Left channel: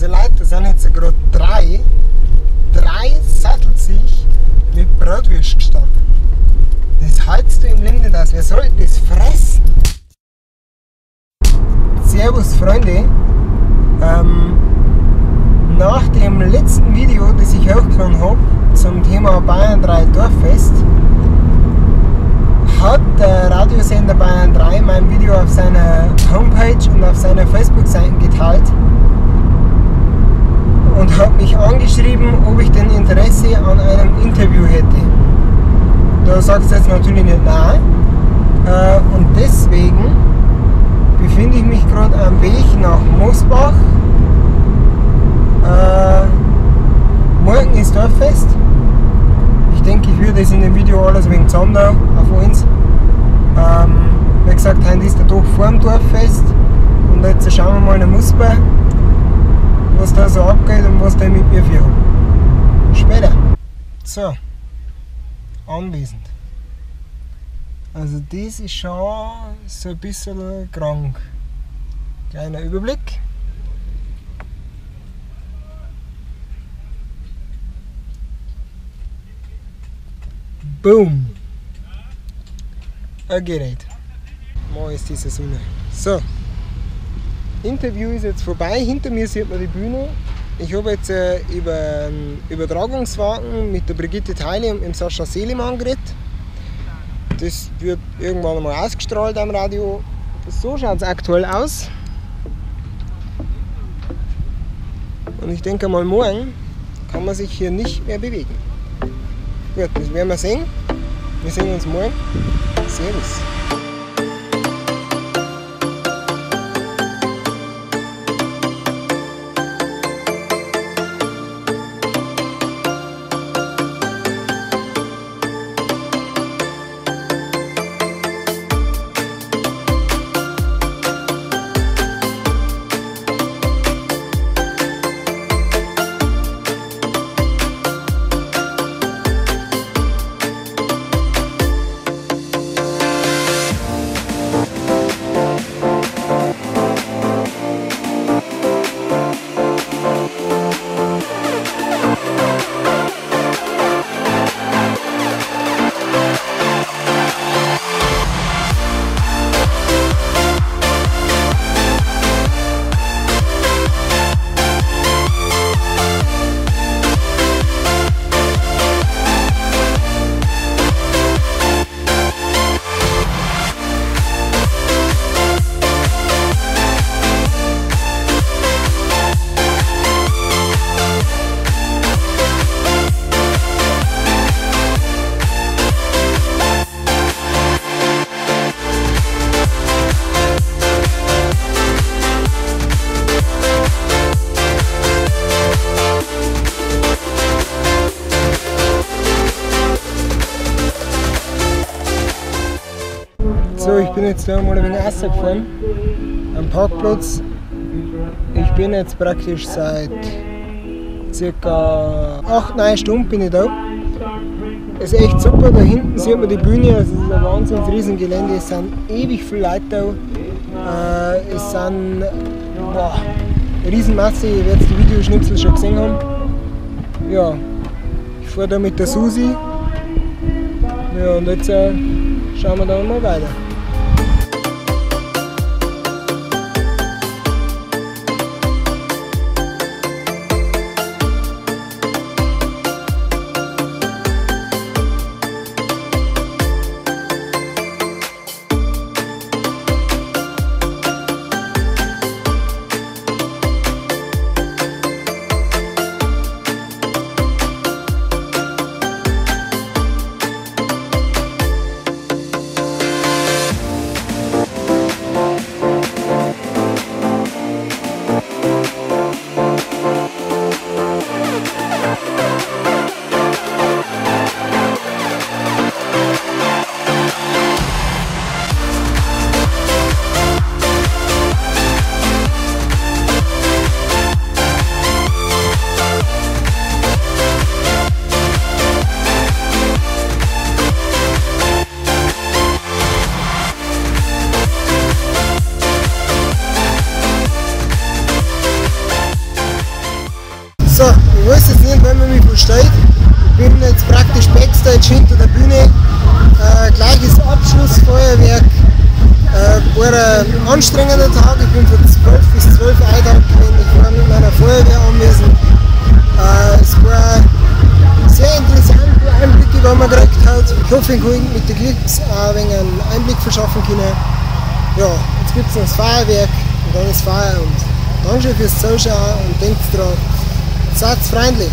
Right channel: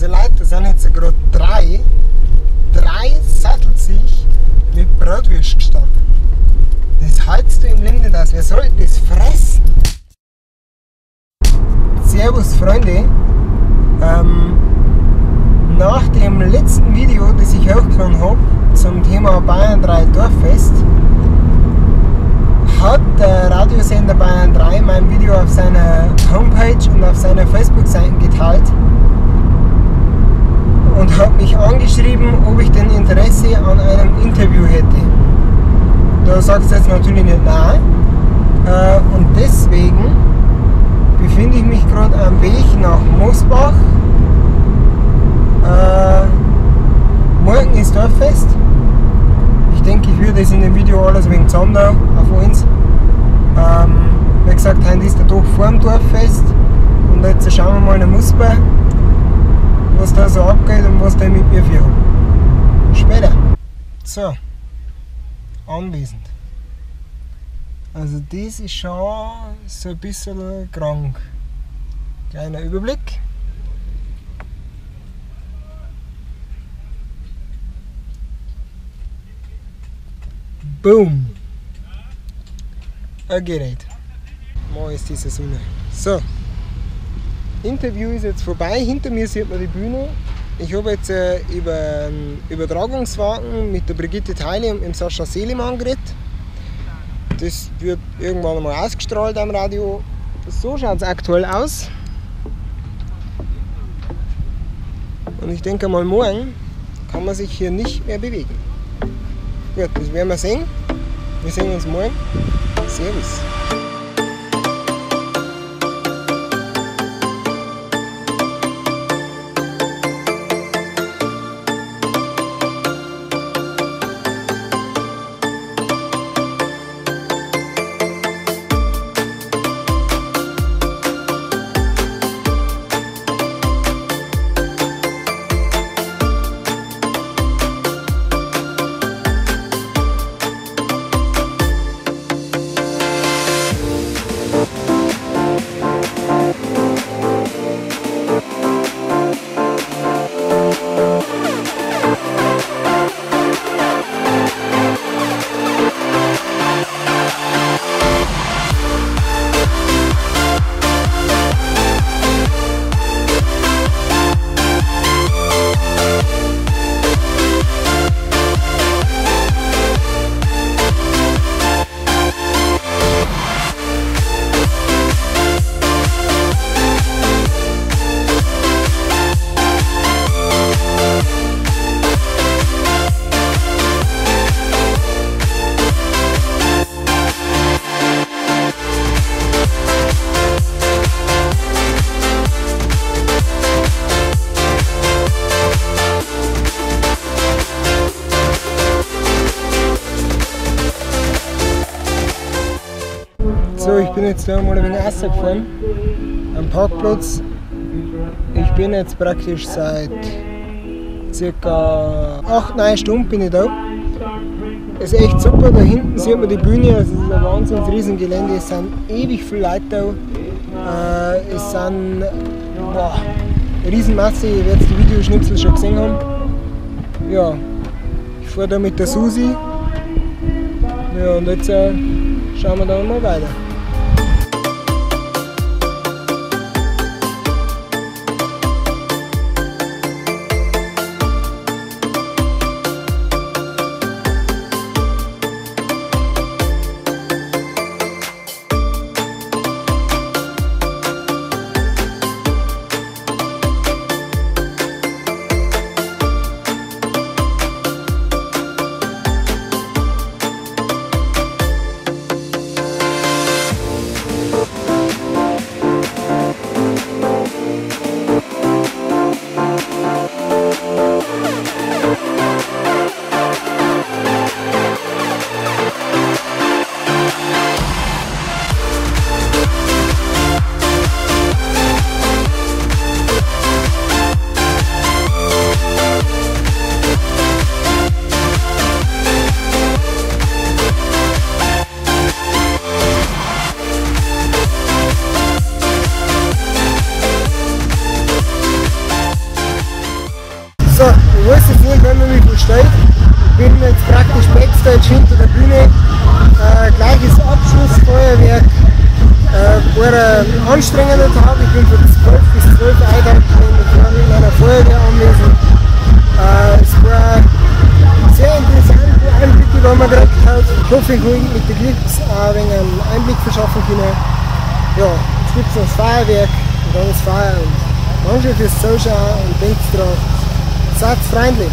Also Leute, da sind jetzt gerade drei Sattelsiech mit Bratwurst gestanden. Das hältst du im Leben nicht aus. Wer soll das fressen? Servus Freunde. Nach dem letzten Video, das ich hochgeladen habe zum Thema Bayern 3 Dorffest, hat der Radiosender Bayern 3 mein Video auf seiner Homepage und auf seiner Facebook-Seite geteilt und hat mich angeschrieben, ob ich denn Interesse an einem Interview hätte. Da sagst du jetzt natürlich nicht nein. Und deswegen befinde ich mich gerade am Weg nach Mosbach. Morgen ist Dorffest. Ich denke, ich würde das in dem Video alles wegen Zander auf uns. Wie gesagt, heute ist der Tag vor dem Dorffest. Und jetzt schauen wir mal nach Mosbach, was da so abgeht und was da mit mir für haben. Später. So. Anwesend. Also das ist schon so ein bisschen krank. Kleiner Überblick. Boom! Ein Gerät. Mal ist diese Sonne. So. Interview ist jetzt vorbei. Hinter mir sieht man die Bühne. Ich habe jetzt über einen Übertragungswagen mit der Brigitte Theile und dem Sascha Selimann geredet. Das wird irgendwann einmal ausgestrahlt am Radio. So schaut es aktuell aus. Und ich denke mal, morgen kann man sich hier nicht mehr bewegen. Gut, das werden wir sehen. Wir sehen uns morgen. Servus. So, ich bin jetzt da mal ein wenig rausgefahren am Parkplatz. Ich bin jetzt praktisch seit ca. 8-9 Stunden bin ich da. Es ist echt super, da hinten sieht man die Bühne, also es ist ein wahnsinnig riesen Gelände, es sind ewig viele Leute da. Es sind eine Riesenmasse, ihr werdet die Videoschnipsel schon gesehen haben. Ja, ich fahre da mit der Susi. Ja, und jetzt schauen wir dann mal weiter. versteht. Ich bin jetzt praktisch Backstage hinter der Bühne. Gleiches Abschlussfeuerwerk. War ein anstrengender Tag. Ich bin von 12 bis 12 eingeteilt gewesen. Ich war mit meiner Feuerwehr anwesend. Es war sehr interessant, die Einblicke, die man gekriegt hat. Ich hoffe, ich kann mit den Klicks ein wenig einen Einblick verschaffen können. Ja, jetzt gibt es noch das Feuerwerk und dann ist Feier. Und Dankeschön fürs Zuschauen und denkt dran, seid freundlich.